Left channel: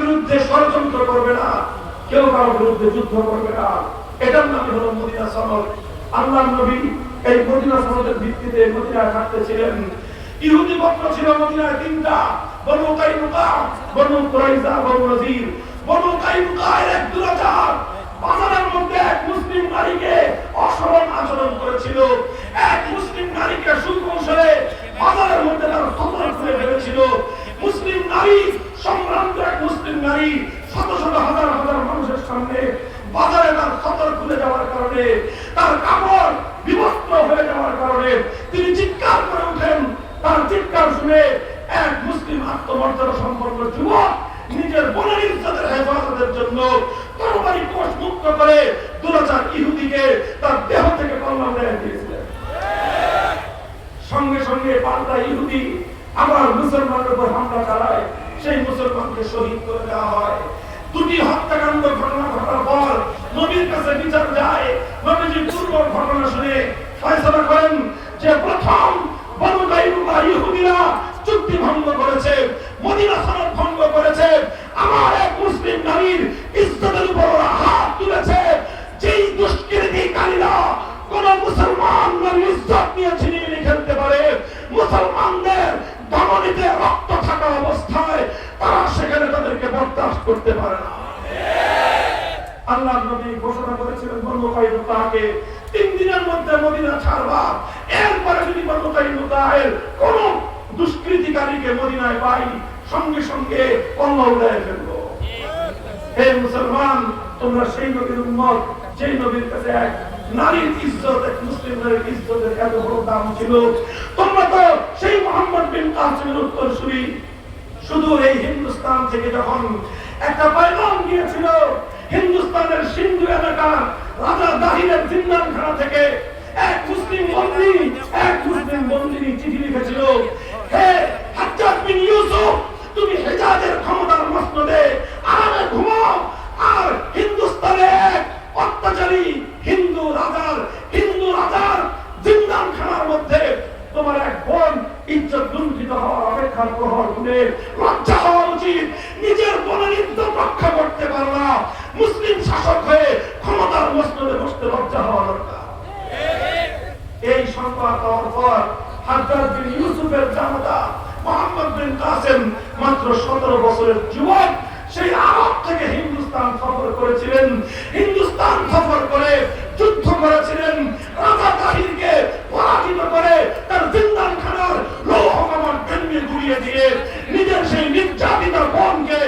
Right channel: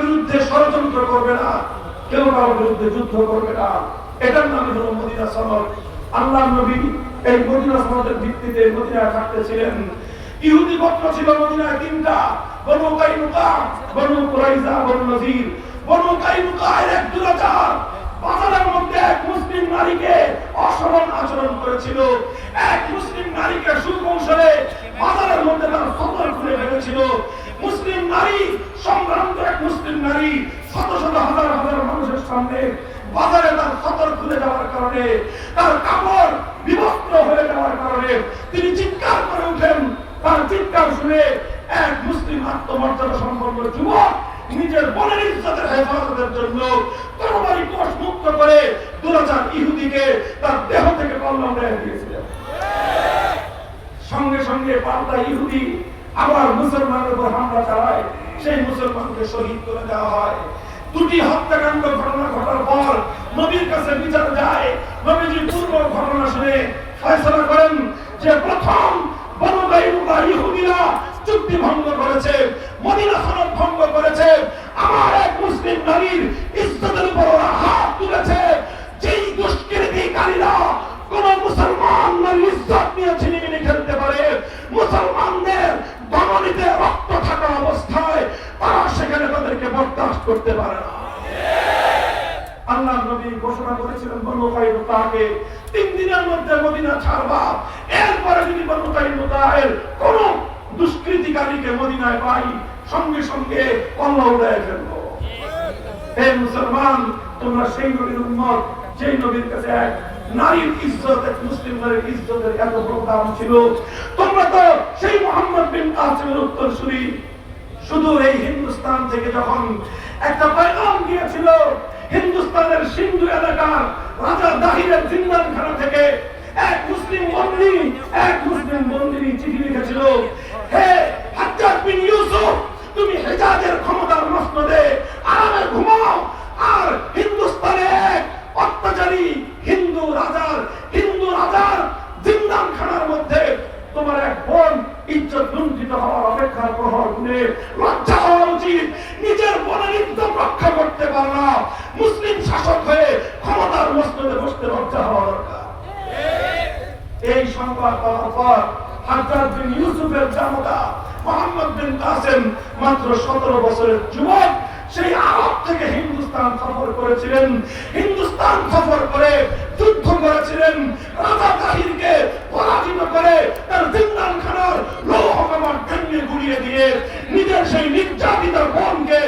বিরুদ্ধে ষড়যন্ত্র করবে না, কেউ কারও বিরুদ্ধে যুদ্ধ করবে না। এটার নাম হলো মদিনা সনদ। আল্লাহ নবী এই মদিনা সনদের ভিত্তিতে মদিনায় থাকতেছিলেন। ইহুদি গোত্র ছিল মদিনায় তিনটা, বনু বনু কুরাইজা বনু নজির। বনু এক দুরাচার বাজারের মধ্যে এক মুসলিম নারীকে অসমান আচরণ করেছিল। এক মুসলিম নারীকে সুকৌশলে বাজারের মধ্যে তার খুলে ফেলেছিল মুসলিম নারী এক মুসলিম নারী শত শত হাজার হাজার মানুষের সামনে বাজারে তার সতর খুলে যাওয়ার কারণে, তার কাপড় বিবস্ত্র হয়ে যাওয়ার কারণে তিনি চিৎকার করে ওঠেন তার চিৎকার শুনে এক মুসলিম আত্মমর্যাদা সম্পন্ন যুবক নিজের বোনের ইজ্জতের হেফাজতের জন্য তরবারি কোষ মুক্ত করে দুরাচার ইহুদিকে তার দেহ থেকে কল্যাণ রেখে দিয়েছিলেন। সঙ্গে সঙ্গে পাল্টা ইহুদি আবার মুসলমানের উপর হামলা সেই মুসলমানকে শহীদ করে দেওয়া হয়। দুটি হত্যাকাণ্ড ঘটনা ঘটার পর নবীর কাছে বিচার যায়। নবীজি পূর্ব ঘটনা শুনে ফয়সলা করেন যে প্রথম চুক্তি ভঙ্গ করেছে, মদিনা সনদ ভঙ্গ করেছে। আমার এক মুসলিম নারীর ইজ্জতের উপর হাত তুলেছে। যেই দুষ্কৃতিকারীরা কোন মুসলমান নারীর ইজ্জত নিয়ে ছিনিয়ে খেলতে পারে, মুসলমানদের দমনীতে রক্ত থাকা অবস্থায় তারা সেখানে তাদেরকে বরদাস্ত করতে পারে না। আল্লাহ নবী ঘোষণা করেছিলেন, বনু তিন দিনের মধ্যে মদিনা ছাড়বা। এরপরে যদি বনু কোন দুষ্কৃতিকারীকে মদিনায় পাই, সঙ্গে সঙ্গে উড়ায় ফেলব। হে মুসলমান, তোমরা সেই নবীর উম্মত, যেই নবীর কাছে এক নারীর ইজ্জত, এক মুসলিম নারীর ইজ্জতের এত বড় দাম ছিল। তোমরা তো সেই মোহাম্মদ বিন কাসিমের উত্তরসূরি। শুধু এই হিন্দুস্তান থেকে যখন একটা পয়গাম গিয়েছিল, হিন্দুস্তানের সিন্ধু এলাকার রাজা দাহিরের জিন্দানখানা থেকে এক মুসলিম বন্দী, এক মুসলিম বন্দিনী চিঠি লিখেছিল, হে হাজ্জাজ বিন ইউসুফ, তুমি হেজাজের ক্ষমতার আরামে ঘুমাও, আর হিন্দুস্তানে এক অত্যাচারী হিন্দু রাজার হিন্দু রাজার জিন্দানখানার মধ্যে তোমার এক বোন ইজ্জত লুণ্ঠিত হওয়ার অপেক্ষার প্রহর গুনে লজ্জা হওয়া উচিত। নিজের বোনের ইজ্জত রক্ষা করতে পারো না। মুসলিম শাসক হয়ে ক্ষমতার মসনদে বসতে লজ্জা হওয়া দরকার। এই সংবাদ পাওয়ার পর হাজার বিন ইউসুফের জামাতা মোহাম্মদ বিন কাসেম মাত্র সতেরো বছরের যুবক, সেই আরব থেকে হিন্দুস্তান সফর করেছিলেন। হিন্দুস্তান সফর করে যুদ্ধ করেছিলেন। রাজা তাহিরকে পরাজিত করে তার গুড়িয়ে দিয়ে নিজের সেই নির্যাতিত বোনকে